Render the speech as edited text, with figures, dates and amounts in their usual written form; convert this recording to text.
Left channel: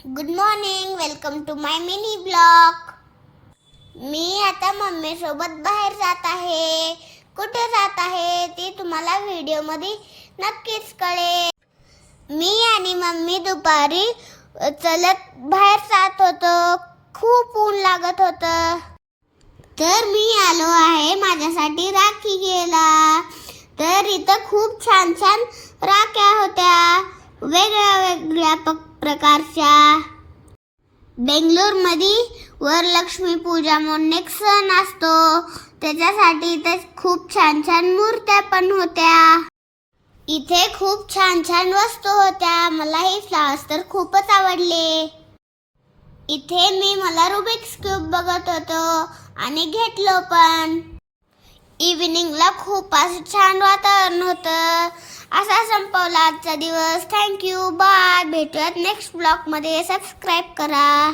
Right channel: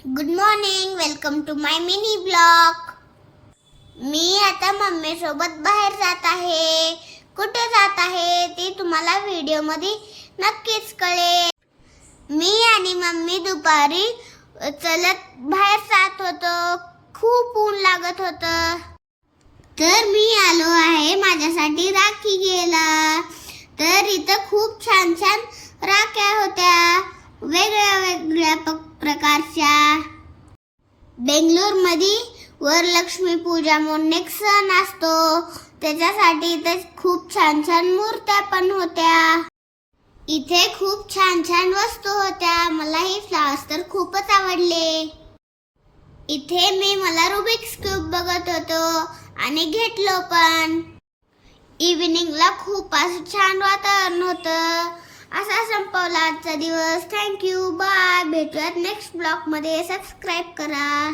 Good morning, welcome to my mini blog. मी आता mummy सोबत बाहेर जात आहे. कुठे जात आहे ते तुम्हाला व्हिडिओ मध्ये नक्कीच कळेल. मी आणि मम्मी दुपारी चलत बाहेर जात होतो. खूप ऊन लागत होतं, तर मी आलो आहे माझ्यासाठी राखी घ्यायला. तर इथं खूप छान छान राख्या होत्या, वेगळ्या वेगळ्या प्रकारच्या. बेंगलोरमध्ये वरलक्ष्मी पूजा म्हणून एक सण असतो, त्याच्यासाठी इथे खूप छान छान मूर्त्या पण होत्या. इथे खूप छान छान वस्तू होत्या. मला हे फ्लावर्स तर खूपच आवडले. इथे मी मला रुबिक्स क्यूब बघत होतो आणि घेतलो पण. इव्हिनिंगला खूप असं छान वातावरण होतं. असा संपवला आजचा दिवस. Thank you, bye. भेटूयात नेक्स्ट ब्लॉग मध्ये. सबस्क्राईब करा.